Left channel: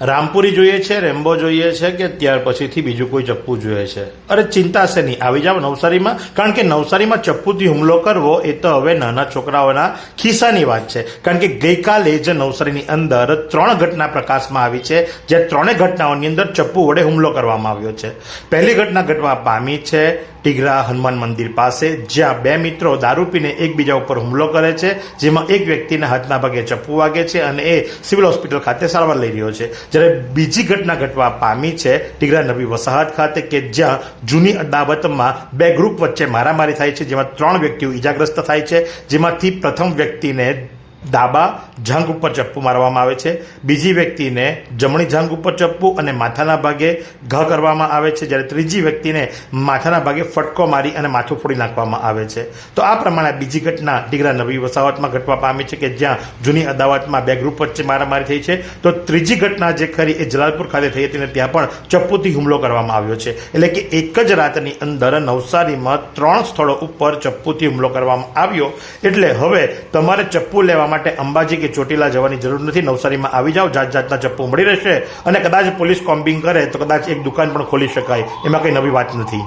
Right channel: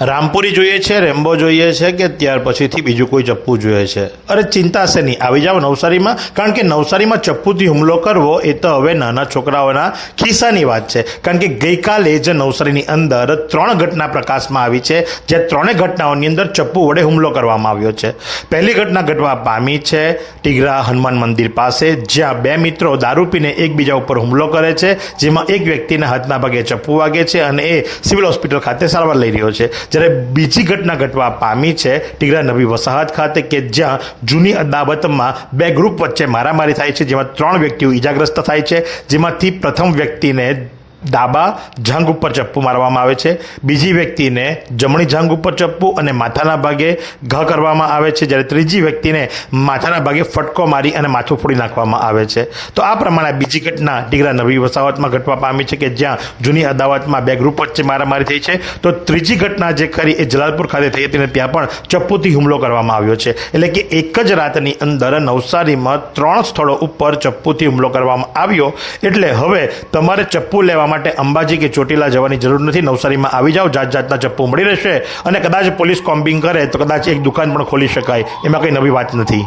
રામપુરી જોઈએ છે, રેમ્બો જોઈએ છે કે ત્યાર પછીથી બીજું કોઈ ચપ્પુ જોઈએ છે? અરે ચિંતા છે નહીં, આવી જાવ નવસારીમાં, કારણ કે નવસારીમાં ચપ્પુથી હુમલો કરવો એ તો હવે નાના છોકરાઓના ખિસ્સાની વાત છે. કારણ કે ગઈકાલે જ નવસારીની અંદર 3 ઘટના પ્રકાશમાં આવી છે, જે 3 ઘટનાઓની અંદર ચપ્પુ વડે હુમલો કરવામાં આવ્યો છે. પહેલી ઘટના ઘટવા પામી છે ટીગરા હનુમાન મંદિર પાસે, જ્યાં 2 મિત્રો દારૂ પીને એકબીજા ઉપર હુમલો કરે છે, જેમાં એક વ્યક્તિના હાથના ભાગે ચપ્પુ વાગે છે અને એ સિવિલ હોસ્પિટલ ખાતે સારવાર લઈ રહ્યો છે. જ્યારે બીજી ઘટના ઘટવા પામી છે ટીગરા નવી વસાહત ખાતે, કે જ્યાં જૂની અદાવતમાં 2 ગ્રુપ વચ્ચે મારામારી થાય છે, જેમાં 3 વ્યક્તિઓ ઈજાગ્રસ્ત થાય છે, જેમાંથી પ્રથમ વ્યક્તિને ડાબા જાંઘ ઉપર ચપ્પુ મારવામાં આવે છે, બીજી વ્યક્તિને જમણી જાંઘ ઉપર ચપ્પુ અને માથાના ભાગે ઘા કરવામાં આવે છે, જ્યારે ત્રીજી વ્યક્તિને માથાના ભાગે ફટકો મારી અને માથું ફોડી નાખવામાં આવે છે. તો આ પ્રમાણે બીજી ઘટના ટીગરા નવી વસાહતમાં ઘટવા પામી છે, કે જ્યાં જૂની અદાવતમાં 2 ગ્રુપ વચ્ચે મારામારી થઈ છે. તો ત્રીજી ઘટના જે ખરી એ જલાલપુર ખાતે થઈ હતી અને ત્યાં પણ ચપ્પુથી હુમલો કરવામાં આવ્યો છે. એટલે કે એક જ રાતની અંદર નવસારીમાં 3 સ્થળો ઉપર ચપ્પુથી હુમલો કરવામાં આવ્યો. એટલે હવે તમારે ચપ્પુ લેવા માટે અંબાજી કે ચોટીલા જવાની જરૂર નથી. નવસારીમાં આવી જાઓ, જાત જાતના ચપ્પુ મળી રહેશે અને કદાચ પોલીસ કોમ્બિંગ કરે તો કદાચ એક દુકાન પણ ખોલી શકાય, એમાં કંઈ નવી વાત નથી.